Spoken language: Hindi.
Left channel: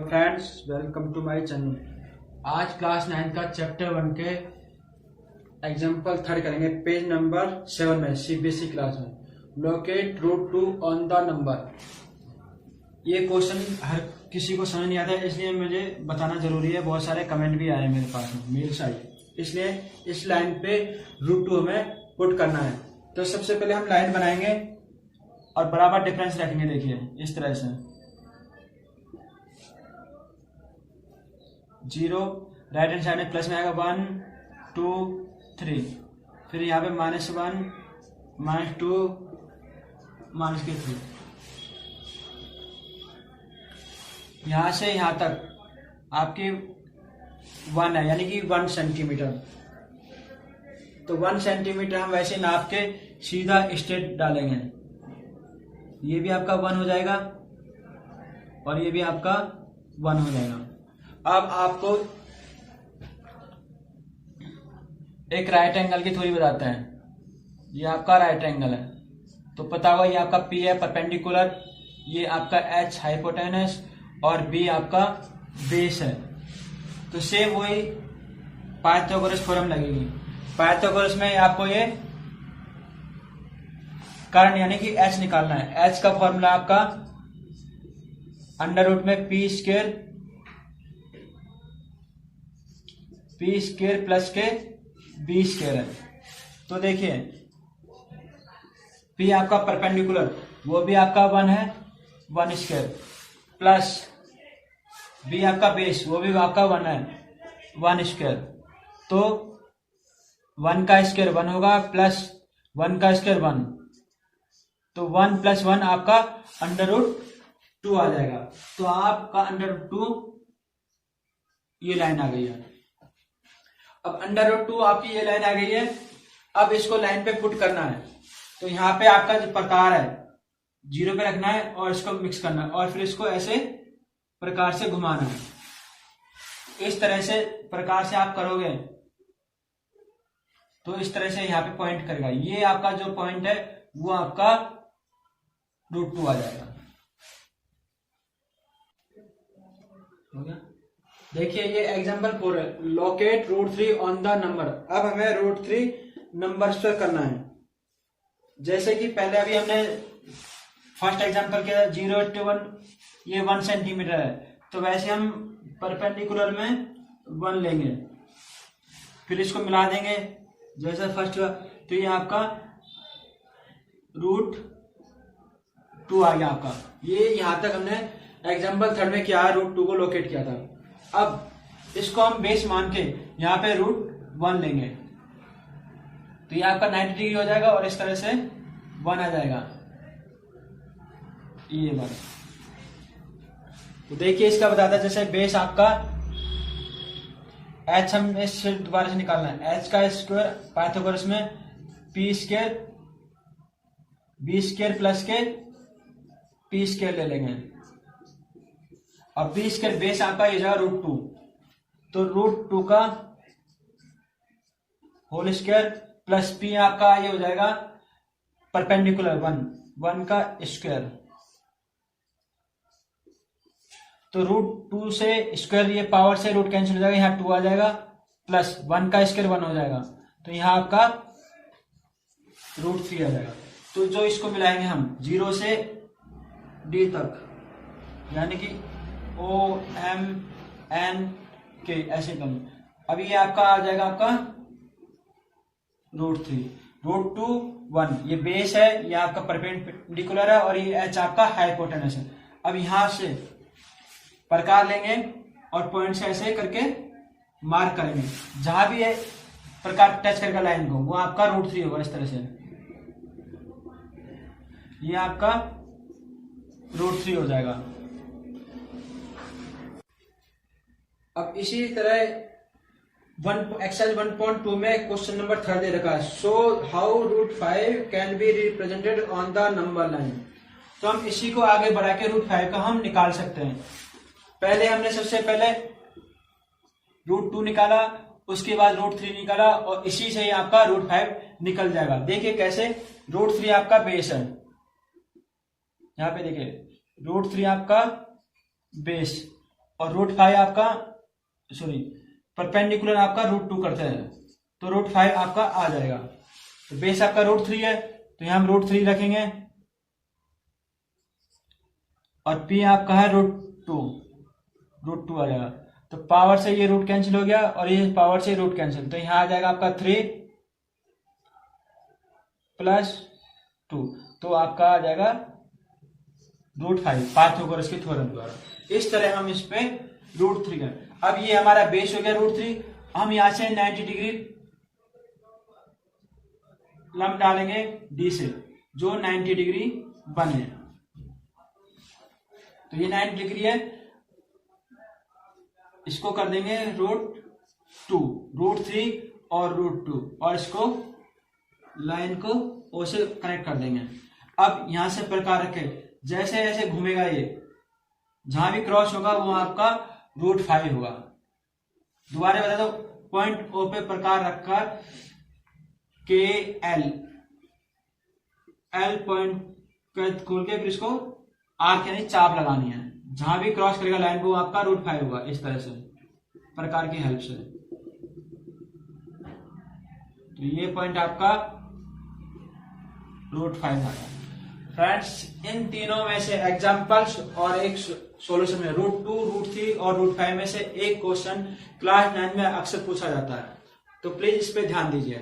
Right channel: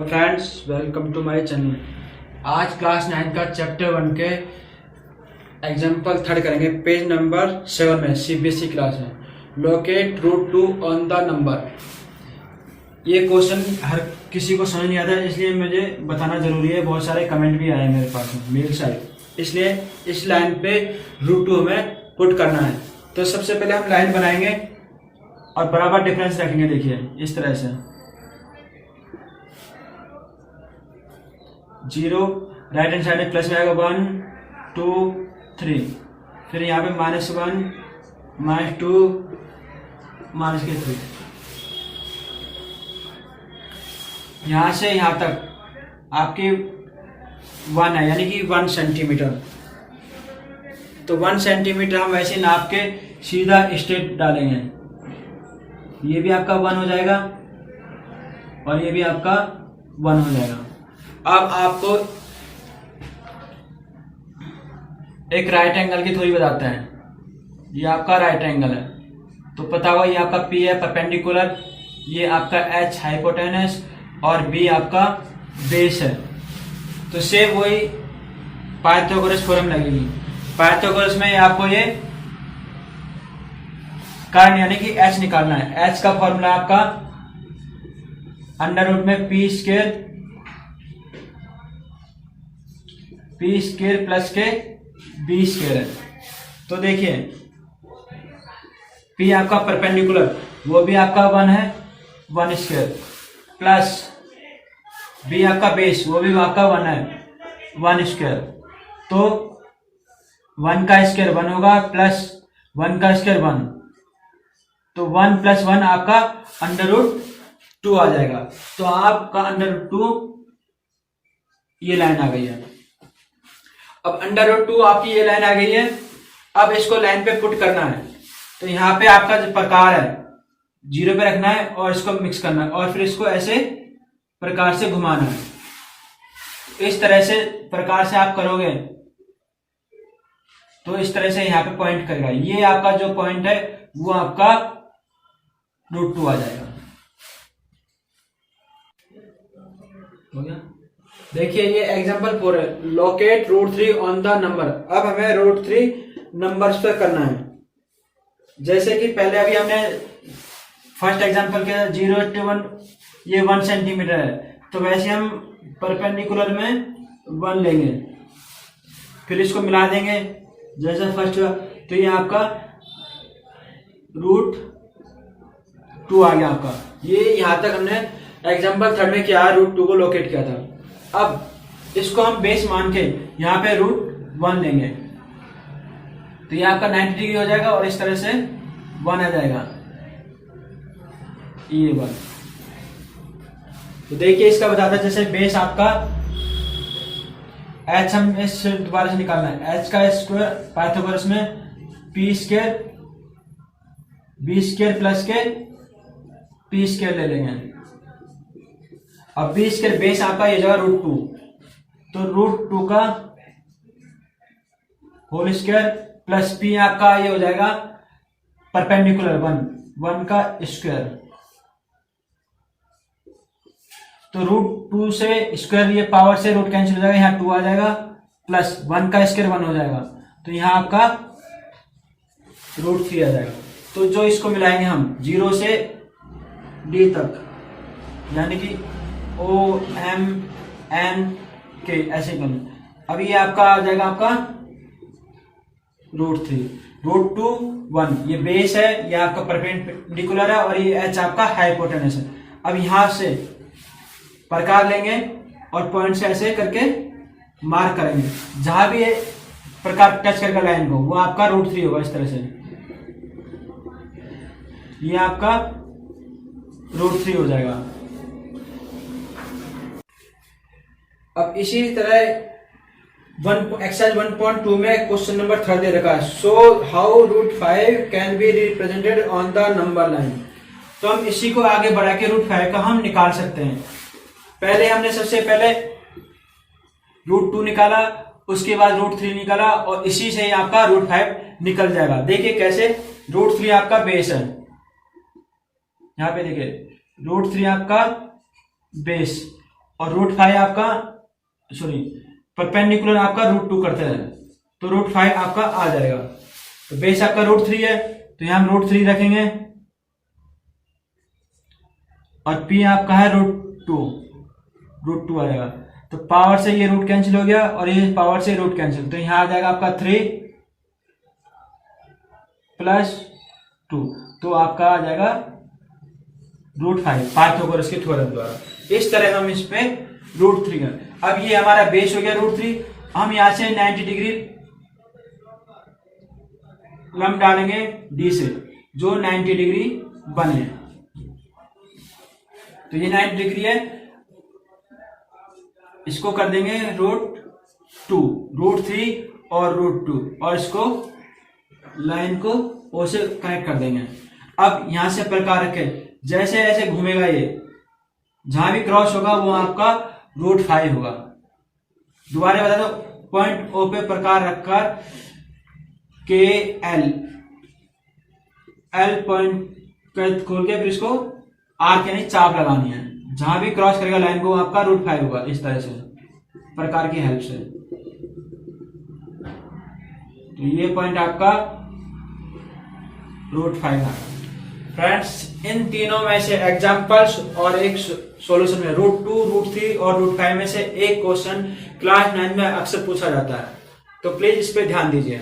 Friends, welcome to my channel. आज क्लास 9 का चैप्टर 1 के एग्जाम्पल थर्ड करेंगे। पेज नंबर 7 में सीबीएसई क्लास है। Locate root 2 on the number. ये क्वेश्चन हर किसी को समझ नहीं आता है, इसलिए मुझे बताना जरूरी है। बहुत सारे कमेंट भी आए हैं मेरे पास में मेल साइड, इसलिए इस लाइन पे रूट 2 हमें पुट करना है। तो सबसे पहले हम लाइन बनाएंगे और बराबर डिफरेंस रखेंगे। देखिए इस तरह से 0, राइट हैंड साइड में प्लस में आएगा 1 2 3, फिर यहाँ पे -1 -2 -3। यहाँ से यहाँ तक आपकी 1 है, यानी कि 1 सेंटीमीटर। तो 1 सेंटीमीटर हम वैसे नाप के सीधा स्ट्रेट डालेंगे। ये भी आपका 1 हो जाएगा और ये भी आपका 1 हो जाएगा। अब आपको एक राइट एंगल की थ्योरी बताते हैं। ये आपका राइट एंगल है, तो पता होगा ये आपका P है परपेंडिकुलर, ये आपका H हाइपोटेनस और B आपका बेस है। तो सेम वही पाइथागोरस थ्योरम लगेगी। पाइथागोरस में आपको ये कर्ण यानी कि H निकालना है। H का फॉर्मूला आपका अंडर रूट में P स्क्वायर प्लस के B स्क्वायर है। तो देखिए P आपका परपेंडिकुलर, वो भी आपका 1 है, 1 स्क्वायर, प्लस B आपका बेस, वो भी आपका 1 है, 1 स्क्वायर। तो 1 का स्क्वायर 1 होगा, प्लस 1 का स्क्वायर 1, तो 1 + 1 आपका अंडर रूट 2 आ जाएगा। तो आपका अंडर रूट 2 ये लाइन आ गई है। अब अंडर रूट 2 आपकी ये लाइन आ गई है। अब इसको लाइन पे पुट करना है। तो यहाँ पे आपका जो प्रकार है 0 पे रखना है और इसको मिक्स करना है और फिर इसको ऐसे प्रकार से घुमाना है। इस तरह से प्रकार से आप करोगे तो इस तरह से यहाँ पे पॉइंट करेगा। ये आपका जो पॉइंट है वो आपका रूट 2 आ जाएगा। हो गया। देखिए ये एग्जांपल 4 है। Locate root 3 on the number. अब हमें रूट 3 नंबर्स पे करना है। जैसे कि पहले अभी हमने फर्स्ट एग्जांपल किया 0 to 1, ये 1 सेंटीमीटर है, तो वैसे हम परपेंडिकुलर में 1 लेंगे, फिर इसको मिला देंगे जैसे फर्स्ट हुआ। तो ये आपका रूट 2 आ गया आपका। ये यहाँ तक हमने एग्जांपल 3 में किया, रूट 2 को लोकेट किया था। अब इसको हम बेस मान के यहाँ पे रूट 1 लेंगे, तो ये आपका 90 डिग्री हो जाएगा और इस तरह से 1 आ जाएगा, ये 1। तो देखिए इसका बताता है, जैसे बेस आपका H हम इससे दोबारा से निकालना है। H का स्क्वायर पाइथागोरस में P square B square plus के P स्क्वायर ले लेंगे। अब B स्क्वायर बेस आपका ये जाएगा रूट 2, तो रूट 2 का होल स्क्वायर प्लस P आपका ये हो जाएगा परपेंडिकुलर 1 का स्क्वायर। तो रूट 2 से स्क्वायर ये पावर से रूट कैंसिल हो जाएगा, यहाँ 2 आ जाएगा, प्लस 1 का स्क्वायर 1 हो जाएगा, तो यहाँ आपका रूट 3 आ जाएगा। तो जो इसको मिलाएंगे हम 0 से D तक, यानी कि O M N K ऐसे करें। अभी ये आपका आ जाएगा आपका रूट 3, रूट 2 1, ये बेस है, ये आपका परपेंडिकुलर है और ये H आपका हाइपोटेनस है। अब यहां से प्रकार लेंगे और पॉइंट से ऐसे करके मार्क करेंगे। जहां भी ये प्रकार टच करके लाइन को, वो आपका रूट 3 होगा। इस तरह से ये आपका रूट 3 हो जाएगा। अब इसी तरह एक्सरसाइज 1.2 में क्वेश्चन नंबर 3 दे रखा है। So how root 5 can be represented on the number line. तो हम इसी को आगे बढ़ा के रूट 5 का हम निकाल सकते हैं। पहले हमने सबसे पहले रूट 2 निकाला, उसके बाद रूट 3 निकाला और इसी से आपका रूट 5 निकल जाएगा। देखिए कैसे, रूट 3 आपका बेस है, यहाँ पे देखिए रूट 3 आपका बेस और रूट 5 आपका सॉरी परपेंडिकुलर आपका √2 करते हैं, तो √5 आपका आ जाएगा। तो बेस आपका √3 है, तो यहां हम √3 रखेंगे और p आपका है √2 आ जाएगा। तो पावर से ये रूट कैंसिल हो गया और ये पावर से रूट कैंसिल, तो यहां आ जाएगा आपका 3 + 2, तो आपका आ जाएगा √5 पाइथागोरस के थ्योरम द्वारा। इस तरह हम इस पे √3 का, अब ये हमारा बेस हो गया √3। हम यहां से 90 डिग्री लंब डालेंगे डी से, जो 90 डिग्री बने, तो ये 90 डिग्री है, इसको कर देंगे √2, √3 और √2, और इसको लाइन को ओ से कनेक्ट कर देंगे। अब यहां से प्रकार रखे, जैसे जैसे घूमेगा ये, जहां भी क्रॉस होगा वो आपका √5 होगा। दोबारा बता दो, पॉइंट ओ पे प्रकार रखकर के एल पॉइंट खोल के फिर इसको आर्क यानी चाप लगानी है, जहां भी क्रॉस करेगा लाइन को आपका √5 होगा। इस तरह से प्रकार की हेल्प से, तो ये पॉइंट आपका √5 है। फ्रेंड्स, इन तीनों में से एग्जांपल्स और एक सॉल्यूशन में √2, √3 और √5 में से एक क्वेश्चन क्लास 9 में अक्सर पूछा जाता है, तो प्लीज इस पे ध्यान दीजिए।